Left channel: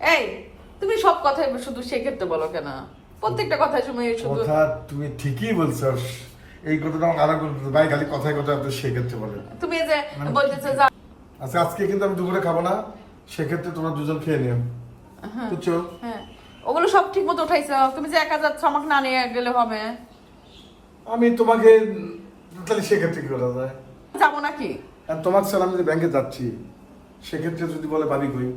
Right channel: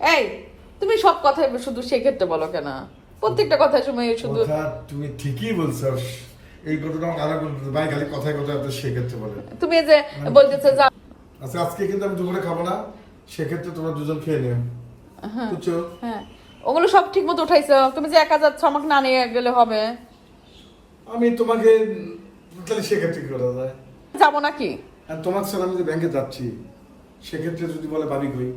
এই তুমি সব কথাই শুধু সেক্ষেত্রে বলো কেন? প্রত্যেকটা কথার সময় শুধু কথা তুমি ঠিকই বলছো। এই কথাটা আমার আলাদা বলতে ভাই খালি কথায় কথায় আপনি সেক্ষেত্রে বলেন। তুমি যে বলতেছে যে আচ্ছা আজকে কিন্তু আমি দুপুরে খাব না। সেক্ষেত্রে তোমরা দুজন খেয়ে নিও। বুঝছ? হ্যাঁ। ওগুলো সব ঠিক মতো উঠাইছো। তুমি যে একা যাচ্ছ আমাকে না নিয়ে গেলে হবে। আমি তোমাকে তাহলে সেক্ষেত্রে কি করা যায়? যাব নাকি? আর তোমার স্যার আমি যে ব্যাংকে যাচ্ছি সেক্ষেত্রে যদি বলে ভাবি কই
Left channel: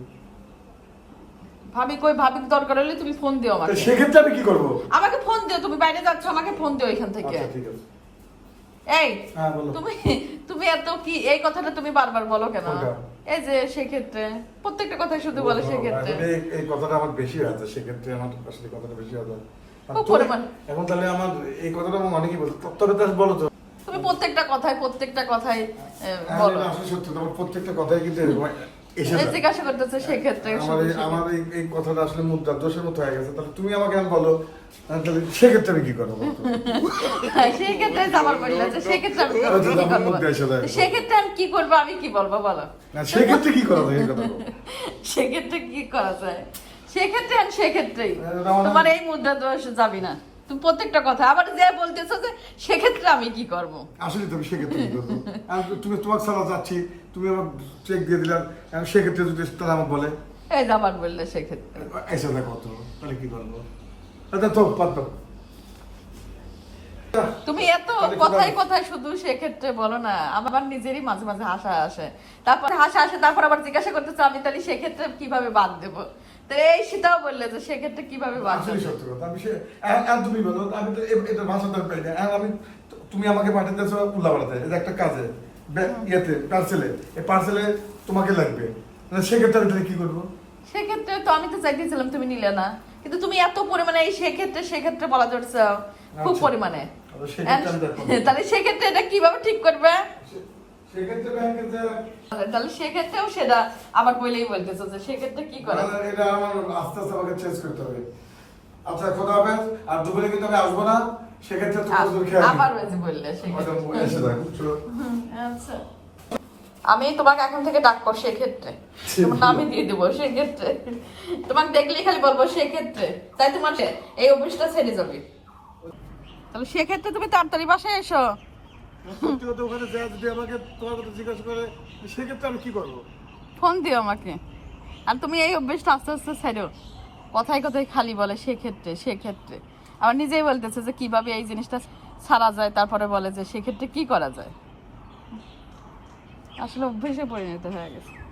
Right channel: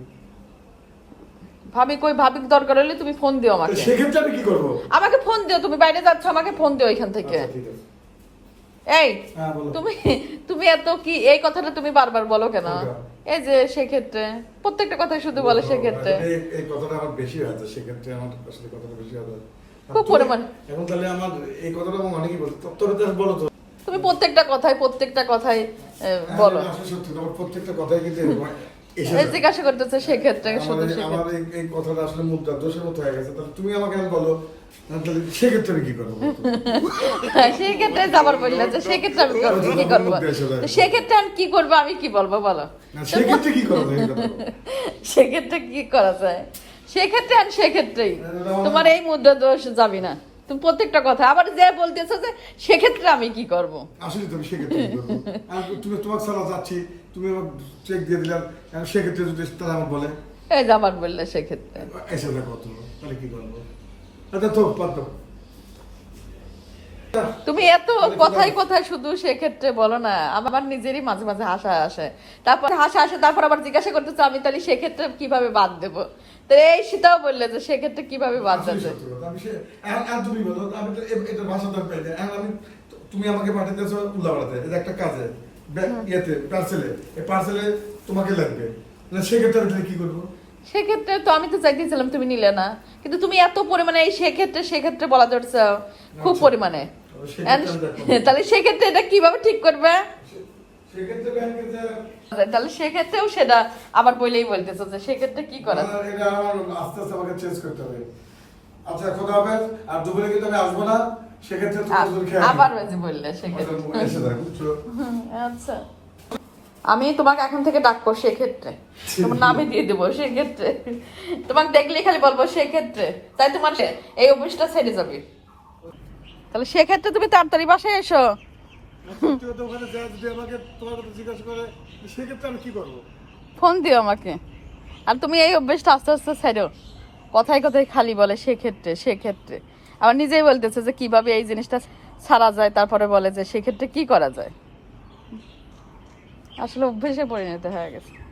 ভাবি কই ভাবি দরকার হলে তুমি ফোন দিও আমাকে। সেক্ষেত্রে আমি কি করব? আমাকে ফোন দিও তুমি বাইরে যাচ্ছ আমাকে ফোন দিও এখান থেকে। আচ্ছা এই হ্যাঁ তুমি তুমি এত কি এই কথাটা তুমি বারবার বলো কেন? এই যে সেক্ষেত্রে প্রত্যেকটা কথাই শুধু বলে সেক্ষেত্রে। এই- কথাটা আমার বেশি হয়েছে সেক্ষেত্রে আমার আসলে কথাটা বেশি পরিমাণ। এখন তাহলে আমার এই কথাটা আমার অনেকেই বলতো তবে তো বলো তো। তুমি প্রত্যেকটা কথাই প্রত্যেকটা কথাই এ, হ্যাঁ, আসলে সত্যি তোমার প্রত্যেকটা কথাই কিন্তু জিজ্ঞাসা করতেছে সেক্ষেত্রে আমার আমার এই এই কথাটা আসলে মুদ্রা দোষের মতো হয়ে গেছে। তাহলে তুমি আমাকে বলো তাহলে সেক্ষেত্রে আমি কি করব সেক্ষেত্রে যাবার সেক্ষেত্রে আমি কি করব? আমি বলব বলো। না সেক্ষেত্রে কি কথা সেক্ষেত্রে কি করা যায়? সেক্ষেত্রে আমি সেক্ষেত্রেই। তোমার এই মুদ্রা দোষ যাবি না। তুমি প্রত্যেকটা কথা। আবার যে বলতেছো যে সেক্ষেত্রে আমি কি করব? আসলে তুমি সেক্ষেত্রে কি করব? তুমি তোমার ছাড়া যাচ্ছি তুমি আমার চেক দিয়ে দিলাম সেক্ষেত্রে যদি তারা আমাকে বলে? এই বললে সেক্ষেত্রে। এসে দেখো তো তাহলে কি করব? আচ্ছা তো তুমি এত তাহলে কি কোথায় শুধু সেক্ষেত্রে বলো না আমার নিজেরই মাঝে মাঝে হাসা আসে। তারপর হাসা আসে তারপর আবার জিজ্ঞাসা করতেছে আমি তাহলে সেক্ষেত্রে কীভাবে বাদ দেবো? এই সেটাও বললে যে সেক্ষেত্রে কীভাবে আসলে সত্যি কথা। আমি সে আর- আর তুমি বলো আমি তো ভাষা তো আমি পাই না আর আমি তুমি আমাকে পাঠাতেছো উল্লাপাড়াতে এটা একটা কাজে ইয়েতে পার্সেলে এই পার্সেলে তোমাকে লাগবে। সেক্ষেত্রে আমি কি করব? সেক্ষেত্রে তো অনেকে চাইছিলাম তুমি নিলে না। কিন্তু তুমি এত পরিমাণে এই সেক্ষেত্রে সেক্ষেত্রে বলা ধরছো খুব আচ্ছা। পরিমাণে আমি দেখব না। তাহলে সেক্ষেত্রে এটা কীভাবে ঠিক করবে? সে- সেক্ষেত্রে ব্যাংকে যে তাহলে সেক্ষেত্রেও সেটা আবার বলেই বলতেছো যে সেক্ষেত্রে কি করে? এটা আমার আস্তে আস্তে আমাকে চেঞ্জ করতে হবে। আচ্ছা খোদা হাফেজ আর দুপুরে কিন্তু আমি আসব না সেক্ষেত্রে তোমার দুজন খেয়ে আবার বললে সেক্ষেত্রে এসে দেখ বুঝছ আচ্ছা। আমি তোমাকে এখন থেকে ডাকবো সেক্ষেত্রে। নামে দিয়ে দেবো সেক্ষেত্রে। তোমাকে দেখলে খালি বলব সেক্ষেত্রে। তাই তোমার এই অভ্যাসটা ছেড়ে যাবে। তাহলে সেক্ষেত্রে তুমি তাড়াতাড়ি বাসায় এসো। ফোন দিও আমাকে। আর তুমি এই অভ্যেসটা আস্তে আস্তে ছাড়ো কথায় কথায় খালি বলে, সেক্ষেত্রে সেক্ষেত্রে। আবার নিজেই বলতেছে যে, কীভাবে এই জিনিসটা ছাড়া যায়? তারপরে বলে যে, সেক্ষেত্রে কি করা যায়? আসলে অভ্যেসে পরিণত হয়ে গেছে।